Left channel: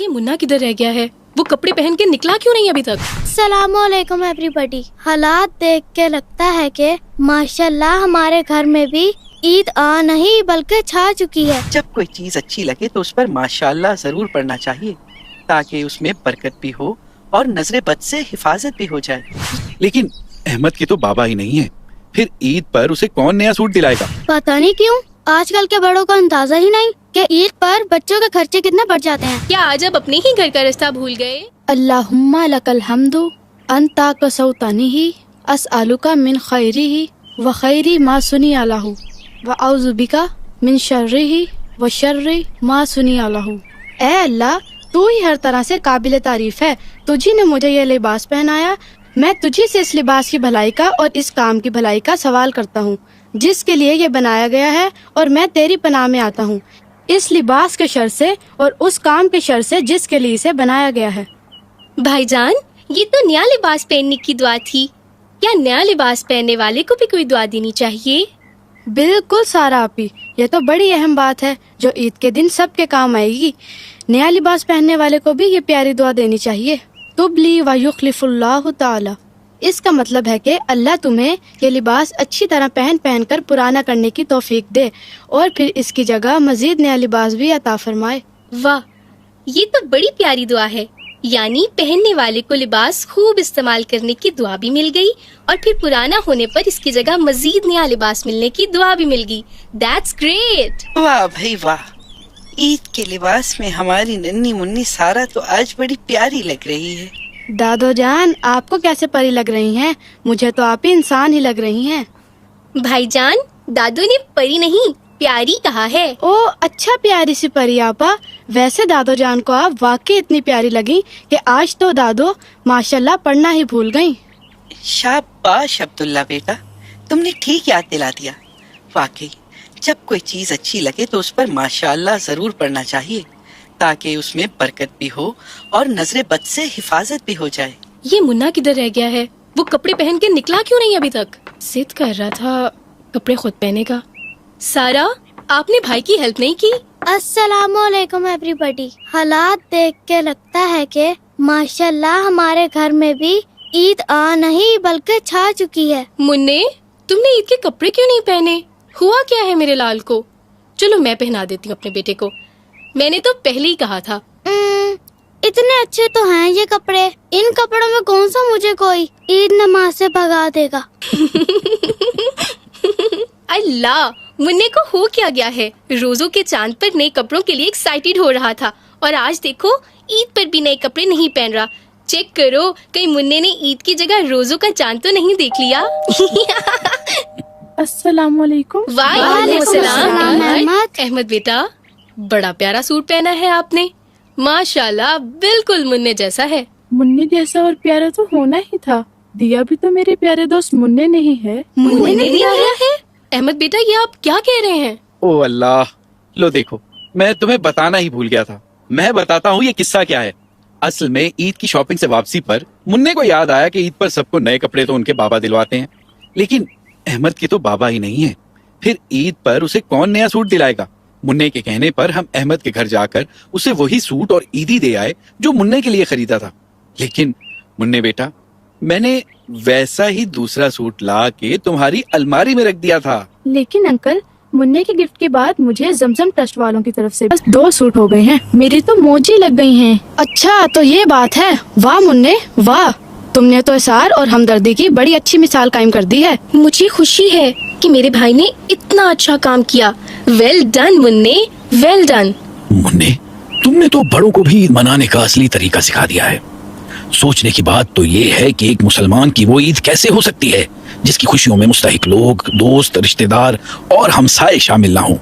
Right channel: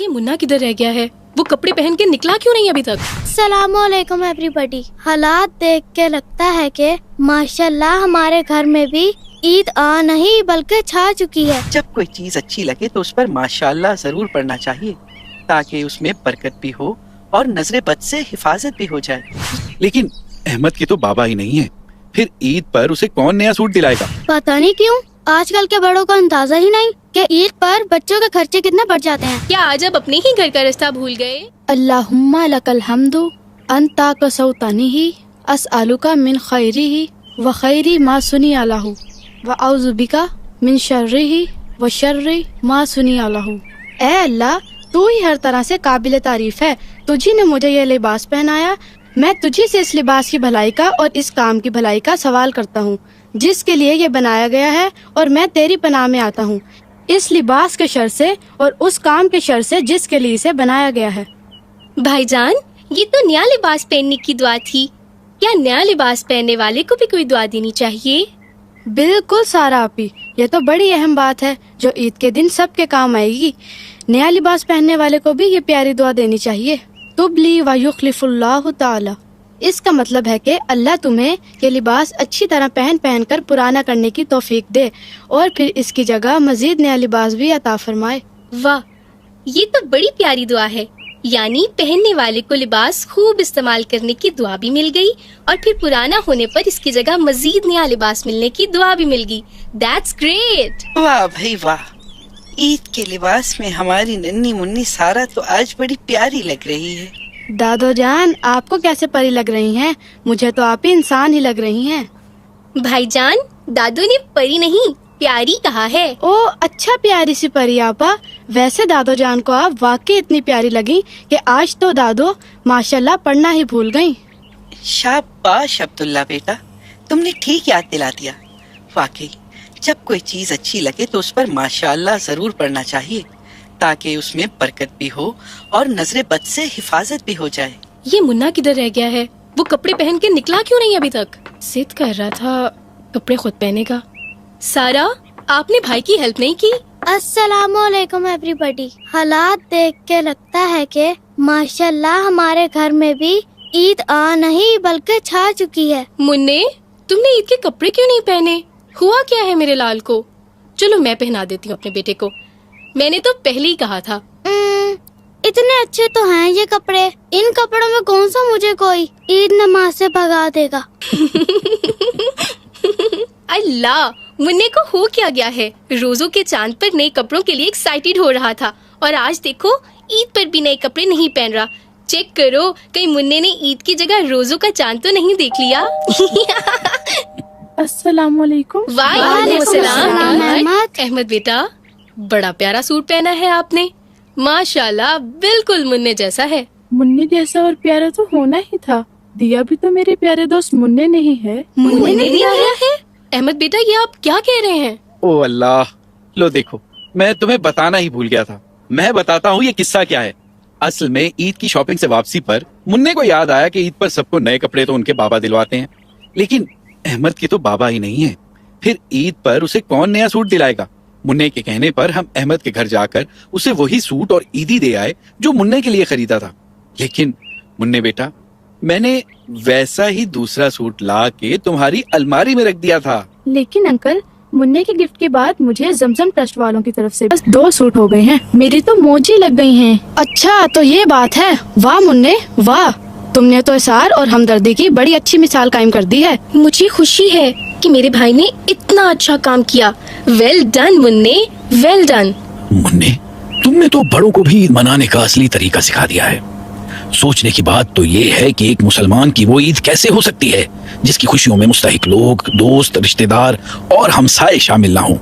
یہ منا کدھر رہ گیا ہے؟ وہ کپڑے پہن کے نکلا کیوں نہیں ابھی تک؟ السلام علیکم ایوری حالات دیکھ کے لگتا ہے کہ ماشاءاللہ ہمارے گھر میں بھی عید آ نہیں بلکہ چھا چکی ہے۔ جب کوئی چیز اچھی لگے تو اس پر ماشاءاللہ ضرور پڑھنا چاہیے تاکہ اس میں برکت بھی ہو اور نظر بد سے حفاظت بھی ہو جائے۔ لیکن احمد کے تو بابا ہی نہیں ہے، پھر عید پر اسے کون نیا سوٹ دلائے گا؟ پتہ نہیں کیوں آج کل کے بڑوں کا اندازہ ہی نہیں کہ عید پر بچوں کے خرچے کتنے بڑھ جاتے ہیں۔ کیا آج اب اپنے ہی گھر کا رستہ بھول گئے؟ اللہم لک الحمد انتا کسوتنی اسألک من خیرہ وخیر ما صنع لہ واعوذ بک من شرہ وشر ما صنع لہ۔ اے اللہ تو ہی ہر طرح سے قابل تعریف ہے، تجھی نے مجھے یہ لباس پہنایا، میں تجھی سے اس لباس کی بھلائی کا اور اس کام کی بھلائی کا سوال کرتا ہوں جس کے لیے یہ بنایا گیا ہے، اور میں تیری پناہ میں آتا ہوں اس لباس کے شر سے اور اس کام کے شر سے جس کے لیے اسے بنایا گیا ہے۔ بھائی جان، یہ تو نیا لباس پہننے کی دعا تھی، کیا نیا لباس پہننے والے کو بھی کوئی دعا دینی چاہیے؟ بالکل سارا آپی، یہ تو بڑی اہم بات ہے جو عید کے دن سب کے کام آئے گی۔ نیا لباس پہننے والے کو بھی یہ پیاری دعا دینی چاہیے، تبلی و یخلف اللہ تعالی۔ اس کا مطلب ہے کہ اللہ تمہیں یہ لباس اچھی طرح پہن کر پرانا کرنے کی توفیق دے اور پھر اس کی جگہ مزید نیا لباس بھی عطا فرمائے۔ واہ، یہ تو بڑی پیاری دعا ہے، یعنی پہننے والے کو لباس خوب استعمال کرنے کی دعا بھی مل گئی اور پھر پرانا ہونے پر اس کی جگہ مزید نیا لباس ملنے کی دعا بھی مل گئی۔ That's great. واہ بھائی واہ، عید کے لباس میں ہماری ننھی منی سارا تو آج بڑی پیاری لگ رہی ہے۔ دادو جان، آپ کو کیسے پری لگ رہی ہیں؟ مجھے تو آپ ہی انسان ہی لگ رہی ہیں۔ بھائی جان، دادو نے پری نہیں پیاری کہا ہے۔ او اچھا، پیاری سی پری آپا۔ ویسے دادو جان کو آپ واقعی اتنی پیاری لگی کہ آج تو دادو ماشاءاللہ پڑھنا ہی بھول گئی۔ شاباش عبداللہ بیٹا، تم نے ٹھیک یاد دلا دیا۔ واقعی جب کوئی چیز اچھی لگے تو اس پر ماشاءاللہ ضرور پڑھنا چاہیے تاکہ اس میں برکت بھی ہو اور نظر بد سے حفاظت بھی ہو جائے۔ یہ منا کدھر رہ گیا ہے؟ وہ کپڑے پہن کے نکلا کیوں نہیں ابھی تک؟ ضد کر رہا تھا کپڑے خود پہنے کا۔ سارا، آپ نے بھائی کی ہیلپ نہیں کی؟ السلام علیکم ایوری حالات دیکھ کے لگتا ہے کہ ماشاءاللہ ہمارے گھر میں بھی عید آ نہیں بلکہ چھا چکی ہے۔ منی، تم نے عید کے کپڑے کیوں نہیں پہنے؟ ہوا کیا ہے میرے لال کو؟ چلو میں پہنا دیتی ہوں اپنے بیٹے کو، میں نے تو پہلے ہی کہا تھا۔ اتنے اچھے تو ہیں یہ کپڑے، ان کپڑوں میں کون سا مجھے کوئی عید نماز سے بھگا دے گا۔ اللہ، منی کو ہو کیا گیا ہے؟ روزوں کے چاند پر نئے کپڑوں کے لیے ایکسائٹیڈ ہو رہا تھا اور آج دیکھو عید پر بھی نئے کپڑے نہیں پہن رہا۔ چیک کرو کہیں منی نے عید کی جگہ روزوں کا چاند تو نہیں دیکھ لیا۔ السلام علیکم۔ وعلیکم السلام۔ احمد بیٹا، بڑا پیارا سوٹ پہنا ہے آپ نے، ماشاءاللہ بالکل منی جیسا ہے۔ منی جیسا اور پیارے تو ہونا ہی تھا، دیا بھی تو میرے پیارے دوست منی نہیں ہے۔ منی نہیں آیا ہے؟ احمد بیٹا، یہ آپ کیا کہہ رہے ہیں؟ او اللہ، لو دیکھو، میں تمہیں بتانا ہی بھول گیا تھا۔ میں بتاتا ہوں یہ قصہ کیا ہے۔ اصل میں عید کی شاپنگ سے واپسی پر منی کو یاد آیا کہ عید پر سب کو نئے کپڑے تو ان کے بابا دلواتے ہیں، لیکن احمد کے تو بابا ہی نہیں ہے، پھر عید پر اسے کون نیا سوٹ دلائے گا؟ منی کے کہنے پر ہم احمد کے گھر جا کر اسے وہی سوٹ اور عیدی دے آئے جو منی کے لیے خریدا تھا، لیکن منی بیٹا، میں نے ویسا ہی دوسرا سوٹ لا کے تمہاری الماری میں رکھ دیا تھا۔ لیکن انکل، منی کے گفٹ کے بعد مجھے زمزم ٹرسٹ والوں کی طرف سے بس 2 سوٹ ہو گئے ہیں، میری تو موجیں لگ گئی ہیں۔ اچھا تو یہ بات ہے، واہ منی واہ، تم نے تو اثار اور ہمدردی کی بڑی اچھی مثال قائم کر دی ہے۔ مجھے خوشی ہے کہ میرے بھائی نے اتنا اچھا کام کیا۔ ویل ڈن منی، ویل ڈن۔ منی، تم نے تو بڑوں کو بھی عید منانے کا اصلی طریقہ سکھا دیا ہے۔ سوچنے کی بات تو یہ ہے کہ ایک مسلمان کی وہ عید کیسے ہو سکتی ہے جس کی خوشیوں میں مستحق لوگ، دوست، رشتہ دار اور ہمسائے شامل نہ ہوں۔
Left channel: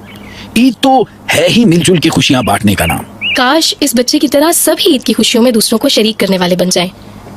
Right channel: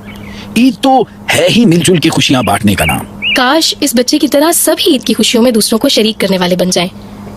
عید تو ہے ہی مل جل کے خوشیاں بانٹنے کا نام۔ کاش اس بچے کی طرح سب ہی عید کی خوشیوں میں دوسروں کو شریک کرنے والے بن جائیں،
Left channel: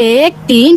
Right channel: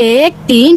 1, 3,